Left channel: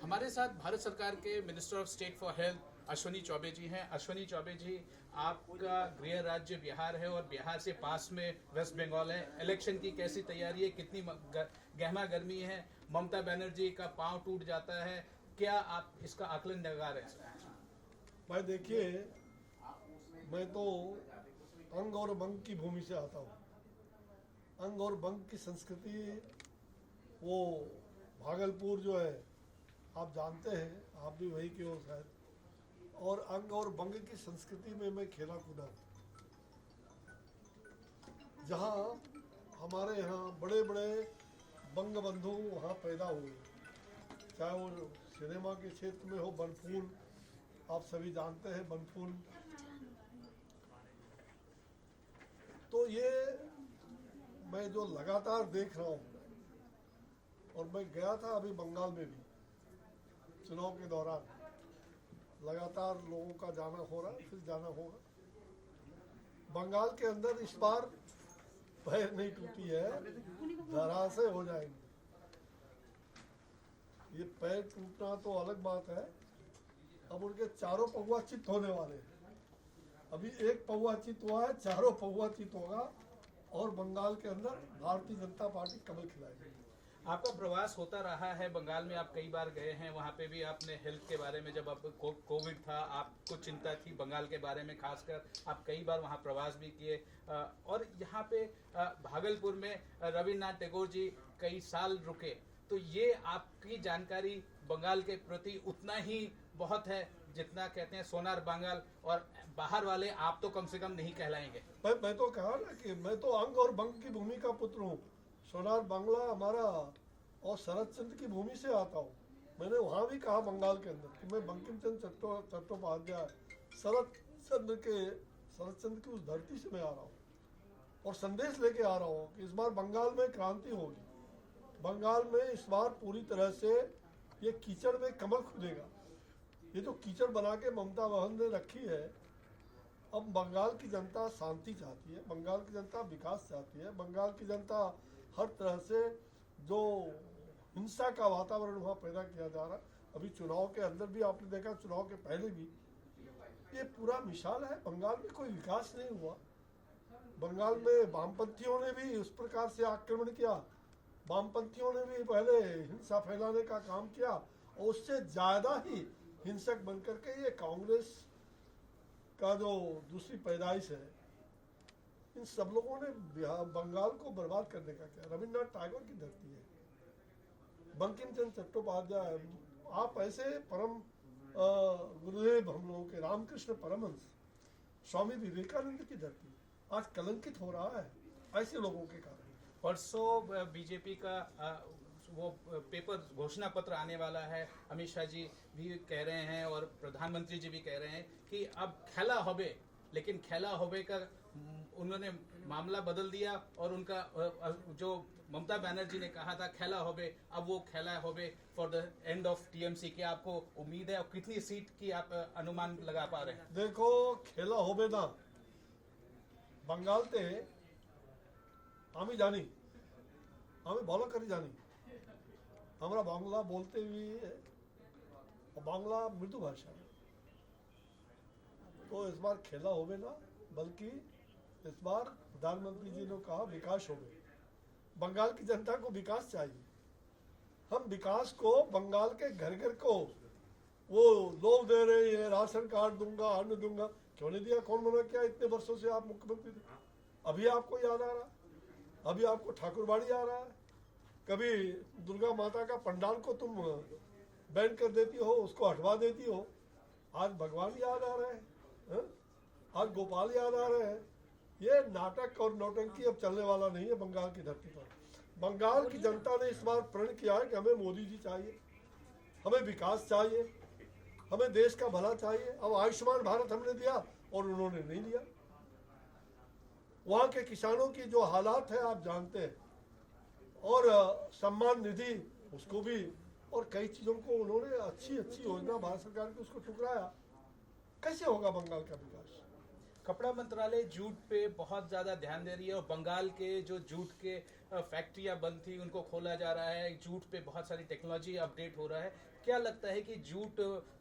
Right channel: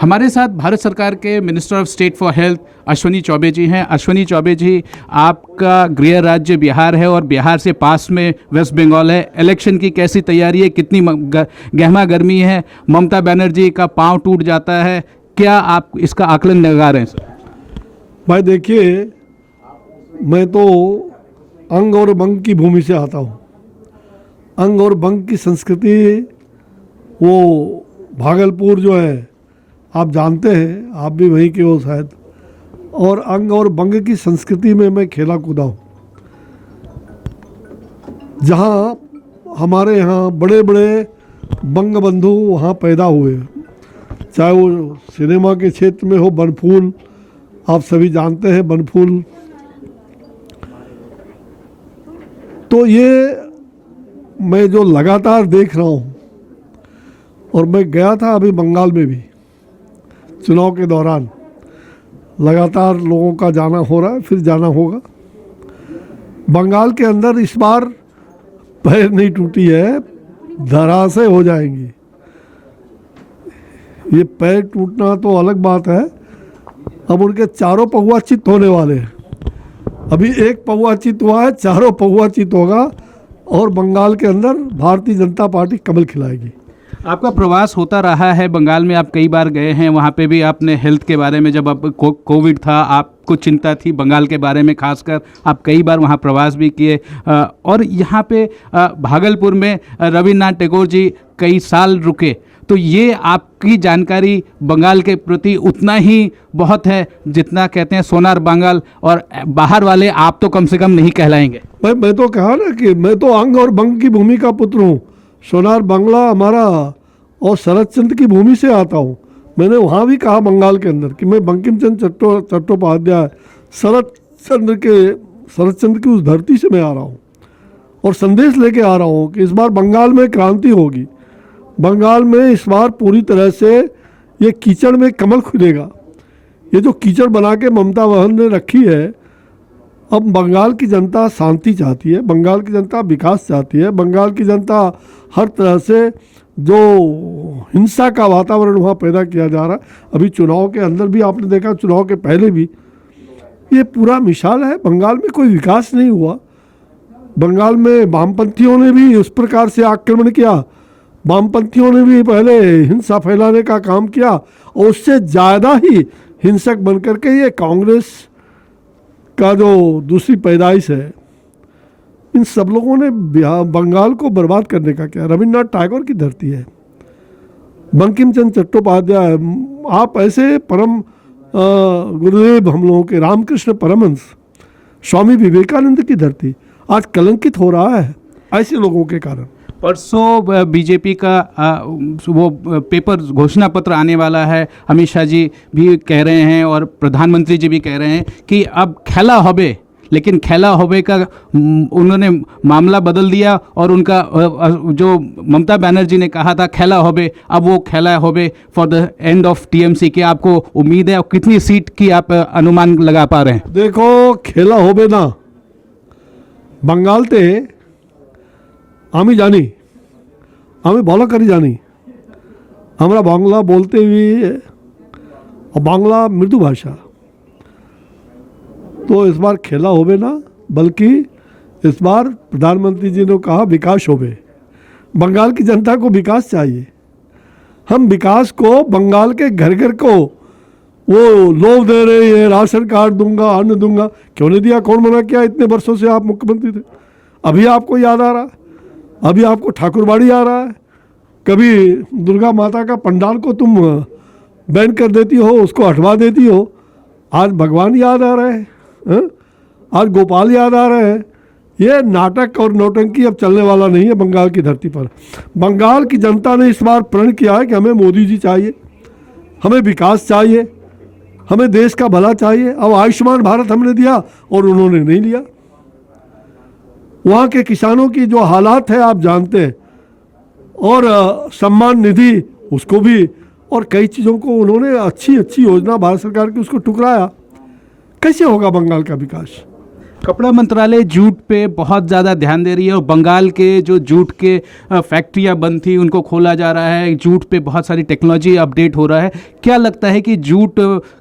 हमारे साथ भारत सरकार के minister of state for health Ashwini Choubey ji हैं। अश्विनी चौबे जी, आपका गृह राज्य बिहार है और बिहार से पास में वेस्ट बंगाल है। इलेक्शन की कैसी तैयारी है, कितनी गहमा गर्मी है? ममता बनर्जी का पांव टूट जाता है, क्या आप इसका आकलन लगा रहे हैं सर? भाई देखिए, मैं तो अंग और बंग की भूमि से आता हूँ। अंग और बंग की संस्कृति, वो भागलपुर जो है, आप जानते हैं, आप भी वहीं के हो शायद। और अंग और बंग की संस्कृति में मैं खेला कूदा हूँ। जहाँ हमारे यहाँ बड़े बड़े बंग बंधु वहाँ पैदा हुए, चाहे वो सिनेमा के क्षेत्र में हो, बनफूल, आप सभी जानते हैं बनफूल। तो ये मैं जो लगातार देख रहा हूँ, और मैं गया था अभी बंगाल में भी चुनाव के दौरान, लगातार लोगों का जाना हो रहा है, फिर जाना होगा। बंगाल के अंदर इस बार पैर नहीं टूटी है, धराशायी हो जाएंगी। ये पैर टूटना तो अलग बात है, अब उनके चारों पहुआ चित होने वाले हैं। अभी एक पहुआ चित हुआ है, चारों पहुआ चित होगा और बंगाल के अंदर भारतीय जनता पार्टी कमल खिलाएगी। आपका प्रवास होता रहा है बंगाल में, आप कई बार गए हैं। वहाँ पे भी आपने हेल्थ के बारे में, जब आप कोविड था, आपको चिंता थी बंगाल के बारे में खासकर, आप कई बार वहाँ प्रवास भी किए। और यहाँ पे भागलपुर में रविन्द्रनाथ टैगोर जी कई साल रुके, तो ये आपकी जानकारी बंगाल के प्रति उतना ही बहुत है जितना कहते हैं सोनार बांगाल, और बाहर वाले आप तो कम से कम नहीं कहलाएंगे। मैं तो कहा ना कि मैं तो अंग और बंग की भूमि का पुत्र हूँ। सोनार बांग्ला हमारा और शरद चंद्र की भूमि से आता हूँ। मैंने वहाँ भी कहा बंगाल के अंदर कि मैं बंकिम चंद्र चट्टोपाध्याय, शरद चंद्र की उस धरती से मैं आ रहा हूँ और संदेश लेके आ रहा हूँ कि इस बार बंगाल में क्रांति होगी। बंगाल में इस बार पूरी तरह से ये कीचड़ में कमल खुलेगा। ये जो कीचड़ बना के ममता बहन ने रखी है, अब बंगाल की जनता शांति चाहती है, बंगाल की जनता विकास चाहती है, बंगाल की जनता हर तरह से जो हिंसा का वातावरण वहाँ पैदा किया जा रहा है, अभी चुनाव के अंदर भी आपने देखा, चुनाव के पहले भी, ये पूरा मिसाल है। बंगाल में कोई विकास नहीं हुआ। बंगाल में वामपंथियों ने भी उस प्रकार से आक्रमण किया, वामपंथियों ने भी पहले हिंसा फैलाने का काम किया, और उससे ज़्यादा ही हिंसक बनकर के ये कांग्रेस का जो दूसरी पैदाइश है, इन सब लोगों ने बंगाल को बर्बाद करने का किया। रविन्द्रनाथ टैगोर की धरती है, बंकिम चंद्र चट्टोपाध्याय, आप ऐसे परम गुरुदेव हम लोगों के रामकृष्ण परमहंस, स्वामी विवेकानंद की धरती आज कलंकित हो रहा है ऐसे लोगों के कारण। परसों बीजेपी का वो पेपर घोषणा पत्र आने वाला है। अमित शाह जी भी कह रहे हैं और प्रधानमंत्री जी भी कह रहे हैं कि अब खेला होबे, लेकिन खेला होबे का उन्होंने मामला बदल दिया, और उनका जो ममता बनर्जी ने कहा था खेला होबे, अब वो खेला होबे for the end of TMC. की आपको उम्मीद है, और कितनी सीट की आप अनुमान लगा पा रहे हैं? देखो, खेला होबे ना बंगालते আমি জানি, আমি ভালো করে জানি, আমরা বাংলা बोलते हुए, और बांग्ला मृदु भाषा, तो इस बार खेला होबे ना, बल्कि इस बार प्रधानमंत्री जी ने कहा विकास होबे। बंगाल की जनता को विकास चाहिए। हम विकास को, बंगाल के घर घर को वो लोभ दे रहे हैं, राशन कार्ड दूंगा, अन्न दूंगा। क्यों नहीं दिया? कौन मना किया? इतने वर्षों से आप मुख्यमंत्री थे। अभी आपको याद आ रहा, अभी आपको ठाकुरबाड़ी आ रहा है। कभी दुर्गा माता का पंडाल को तुम बैन कर देती हो, उसको हटवा देती हो। आज भगवान याद आ रहे हैं, आज गोपाल याद आ रहे हैं। ये नाटक और नौटंकी अब चलने वाला नहीं है बंगाल की धरती पर। बंगाल की जनता ने इस बार प्रण किया है कि हमें मोदी जी चाहिए, हमें विकास चाहिए, हमें देश का भला चाहिए। अब आयुष्मान भारत हमने दिया और उन्होंने नहीं लिया। वहाँ के किसानों की जो हालात है आप जानते हैं, और सम्मान निधि उसको भी, और कई चीज़ों को उन्होंने अच्छी अच्छी योजना भारत सरकार की उसको टुकराया। कैसे होगा बंगाल का विकास? कपड़ा मंत्रालय जूट पे बहुत ज़्यादा ध्यान दे रही है और बंगाल के जो जूट के फैक्ट्रियां बंद थी उनको खोला जा रहा है, जूट पे बहुत सारी टेक्नोलॉजी अपडेट हो रहा है। क्या लगता है कि जूट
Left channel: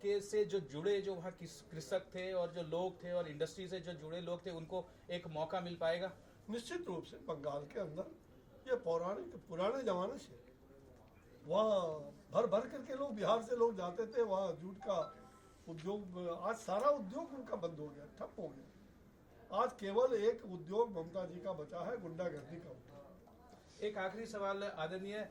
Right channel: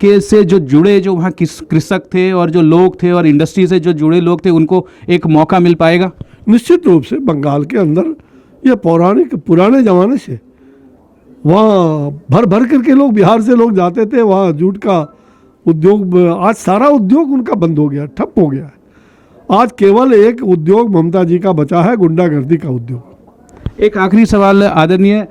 के से जो जुड़े जो वहाँ कृषक थे और जो लोग थे और इंडस्ट्री से जो जुड़े लोग थे उनको एक मौका मिल पाएगा? निश्चित रूप से बंगाल के अंदर ये पुराने ज़माने से वहाँ भर भर करके लोग, बिहार से लोग जाते थे वहाँ जूट का उद्योग। आज सारा उद्योग उनका बंद हो गया, ठप हो गया है। आज केवल एक उद्योग ममता जी का बचा है, गुंडागर्दी का उद्योग। एक आखिरी सवाल आदरणीय,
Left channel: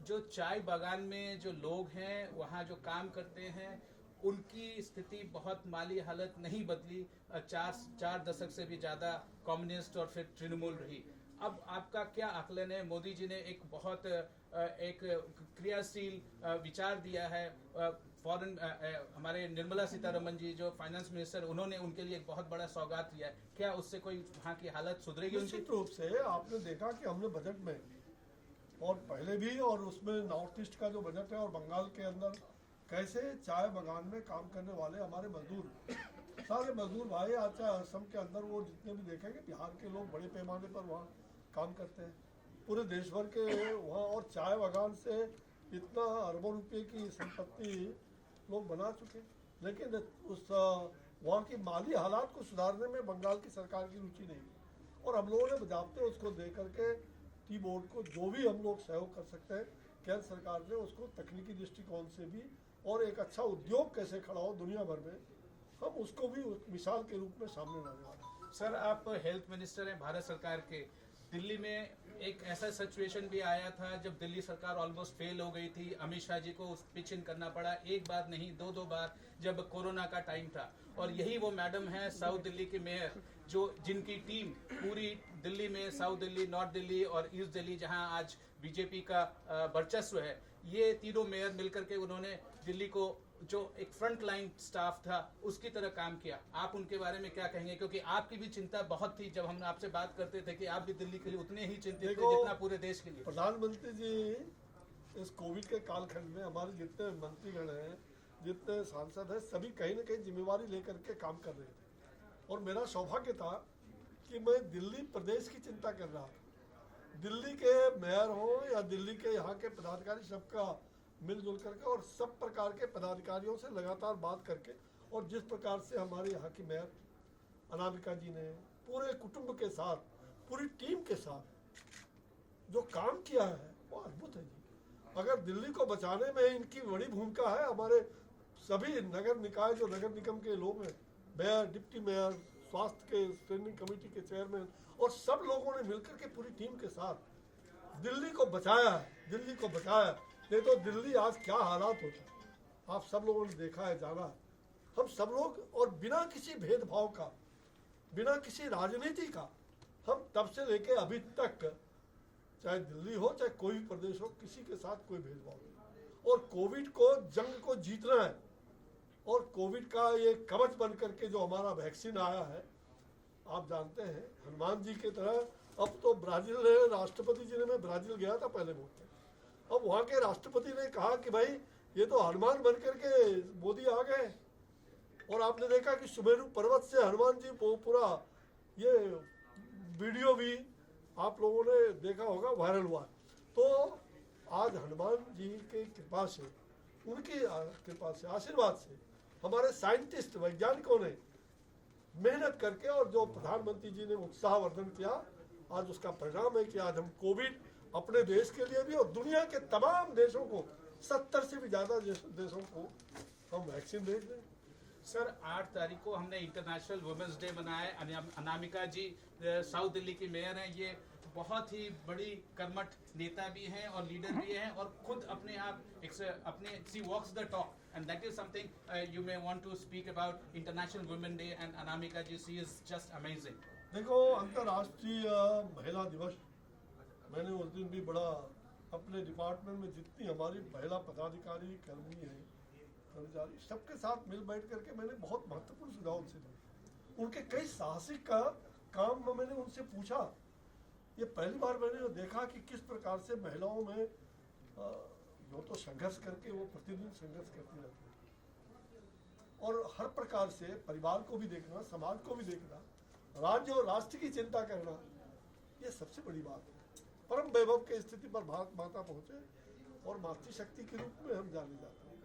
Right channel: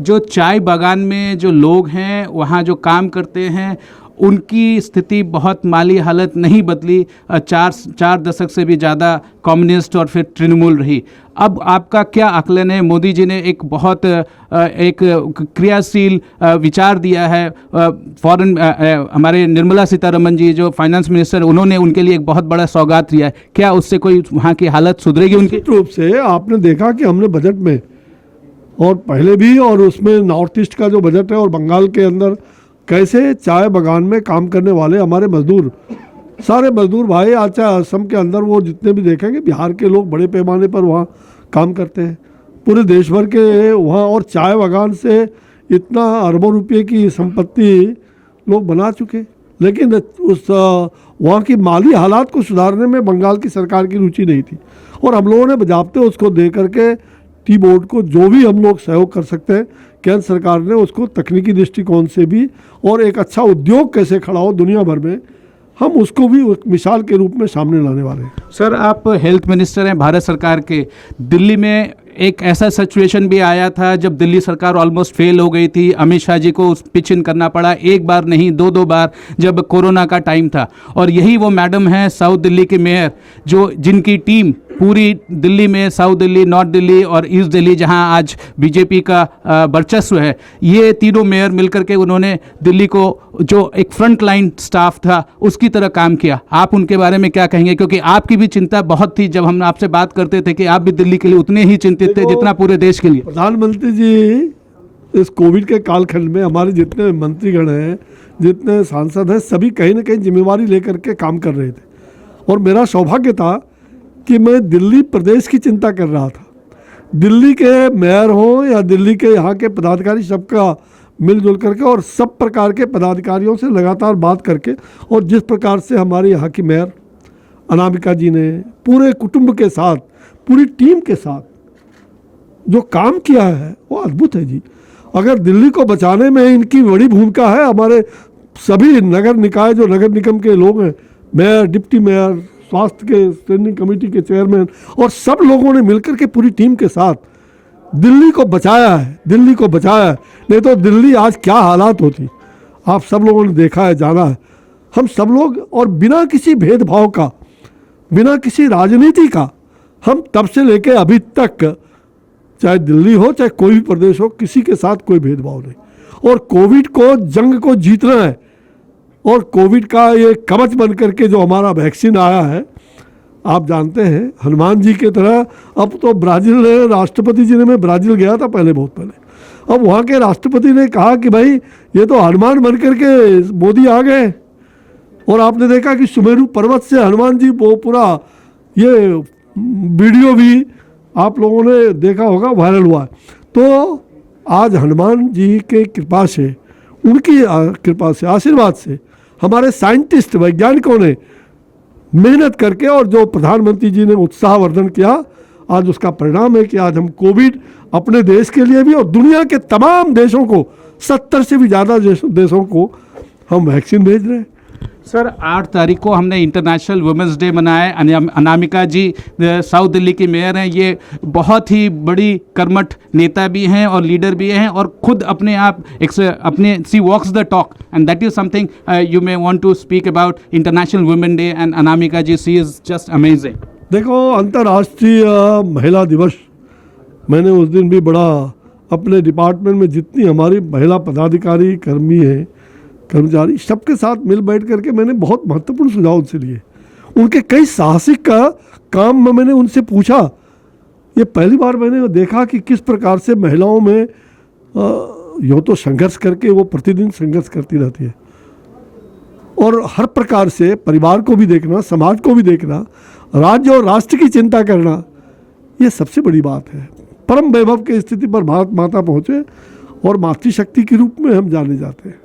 जो चाय बागान में जो लोग हैं वहाँ जो काम करते हैं उनकी स्थिति बहुत माली हालत नहीं बदली। चार दशक से भी ज़्यादा कम्युनिस्ट और फिर तृणमूल रही। अब आपका क्या आकलन है? मोदी जी ने एक बहुत एक क्रियाशील विचार दिया है। फॉरेन हमारे निर्मला सीतारमन जी जो फाइनेंस मिनिस्टर, उन्होंने उनके लिए एक बहुत बड़ा सौगात दिया है। क्या उससे कोई वहाँ की हालत सुधरेगी उनकी? निश्चित रूप से आपने देखा कि हमने बजट में और पहले भी, और उसमें नॉर्थ ईस्ट का जो बजट है और बंगाल के अंदर कैसे चाय बागान में काम करने वाले हमारे मजदूर, सारे मजदूर भाई, आज चाहे असम के अंदर वो जितने भी देखेंगे, बिहार के लोग बड़े पैमाने पर वहाँ काम करते हैं, पूरे देश भर के वहाँ। और चाय बागान से इतना अरबों रुपए की संपत्ति लोग बना चुके, लेकिन उस वहाँ की माली हालात को सुधारने में बंगाल की सरकार की रुचि नहीं थी। और हम लोगों ने बजाबते उसको दे करके टी बोर्ड को जो भी हम लोग सहयोग कर सकते हैं, केंद्र सरकार ने उसको तकनीकी दृष्टिकोण से भी, और एक अच्छा उद्योग कैसे खड़ा हो दुनिया भर में, हम उसको भी एक मिसाल के रूप में सामने लाने वाले हैं। सर, आप हेल्थ मिनिस्टर हैं भारत सरकार के। दिल्ली में एक ऐसा सिचुएशन भी आया था जब दिल्ली सरकार ऑलमोस्ट फेल हो गई थी, अमित शाह जी को पिच इन करना पड़ा, एक बार नहीं दो बार, जब कोरोना का टाइम था। और यही वो मैडम है साउथ दिल्ली के मेयर, जो जिनकी टीम पूरी दिल्ली में, साउथ दिल्ली, नॉर्थ दिल्ली और ईस्ट दिल्ली, जहां आज बीजेपी का वर्चस्व है, ये तीनों मेयर मिलकर के उन्होंने दिल्ली को जो एक फ्रंट लाइन स्टाफ था उसकी तरह काम किया। आप उनके बारे में क्या कहेंगे? क्योंकि आपकी भी चिंता बहुत थी, जब हम आपसे बात करते थे कि आप भी दिल्ली के लिए उतने ही चिंतित थे जितना पूरे देश के लिए। प्रधानमंत्री जी इस कोविड के कालखंड में हमारे जितने मंत्रीगण हैं, जितने सांसद हैं, सभी कहीं ना कहीं जिम्मेवारी लेकर के काम कर रहे थे। और मेरा सौभाग्य था कि मैं दिल्ली प्रदेश की चिंता कर रहा था। दिल्ली के मेयर हों या दिल्ली के यहाँ के पदाधिकारी, सबका मिलजुल करके और सब प्रकार के पदाधिकारियों से लगातार बात करके, और जिस प्रकार से हमारे यहाँ की मेयर अनामिका जी ने पूरे कुटुंब के साथ, पूरी टीम के साथ जो काम किया है वो अद्भुत है जी। अगर दिल्ली को बचाने में इनकी बड़ी भूमिका है। हमारे सभी नगर निकाय, जो नगर निगम के लोग हैं, मेयर, डिप्टी मेयर, स्वास्थ्य के स्टैंडिंग कमेटी के चेयरमैन, और सब लोगों ने मिलकर के पूरी टीम के साथ दिल्ली को बचाया है, दिल्ली को बचाया है। नहीं तो दिल्ली आज क्या हालात होती, आप सब लोगों ने देखा है, जाना है। हम सब लोग, और बिना किसी भेदभाव का, बिना किसी राजनीति का, हम तब से लेके अभी तक, चाहे दिल्ली हो चाहे कोई भी प्रदेश हो, किसी के साथ कोई भेदभाव नहीं। और कोविड को, जंग को जीतना है। और कोविड का ये कवच बन करके जो हमारा वैक्सीन आया है, आप जानते हैं, हनुमान जी की तरह। अब तो ब्राज़ील राष्ट्रपति जी ने, मैं ब्राज़ील गया था पहले, बहुत पहले, अब वहाँ के राष्ट्रपति ने कहा कि भाई ये तो हनुमान बन करके मोदी आ गए। और आपने देखा कि सुमेरु पर्वत से हनुमान जी, वो पूरा ये वीडियो भी आप लोगों ने देखा होगा, वायरल हुआ। तो आज हनुमान जी के कृपा से, उनकी कृपा से, आशीर्वाद से, हमारे साइंटिस्ट, वैज्ञानिकों ने मेहनत करके, और जो प्रधानमंत्री जी ने उत्साहवर्धन किया, आज उसका परिणाम है कि आज हम कोविड अपने देश के लिए भी और दुनिया के तमाम देशों को, 70 से भी ज़्यादा देशों को हम वैक्सीन भेज रहे हैं। सर, 8 तारीख को हमने इंटरनेशनल वुमेंस डे मनाया। अनामिका जी साउथ दिल्ली की मेयर हैं, ये बहुत ही बड़ी कर्मठ नेता भी हैं और लीडर भी हैं, और खुद अपने आप अपने she walks the talk, and that is something you may want to speak about international women day and Anamika ji, she is just amazing. देखो, अंतर्राष्ट्रीय महिला दिवस, मैंने उस दिन भी बड़ा अपने डिपार्टमेंट में जितनी हमारी महिला पदाधिकारी, कर्मी हैं, कर्मचारी, सबके साथ मिल बैठ करके मैंने बहुत महत्वपूर्ण सुझाव उनसे लिए। उनके कई साहसिक का काम में मैंने उनसे पूछा। ये पहली बार मैंने देखा कि किस प्रकार से महिलाओं में यूँ तो संघर्ष करके वो प्रतिदिन संघर्ष करती रहती है, और हर प्रकार से परिवार को भी देखना, समाज को भी देखना, राज्य और राष्ट्र की चिंता करना, ये सबसे बड़ी बात है। परम वैभव की स्थिति पर भारत माता पहुँचे और मातृशक्ति के रूप में हम जाने जाते हैं।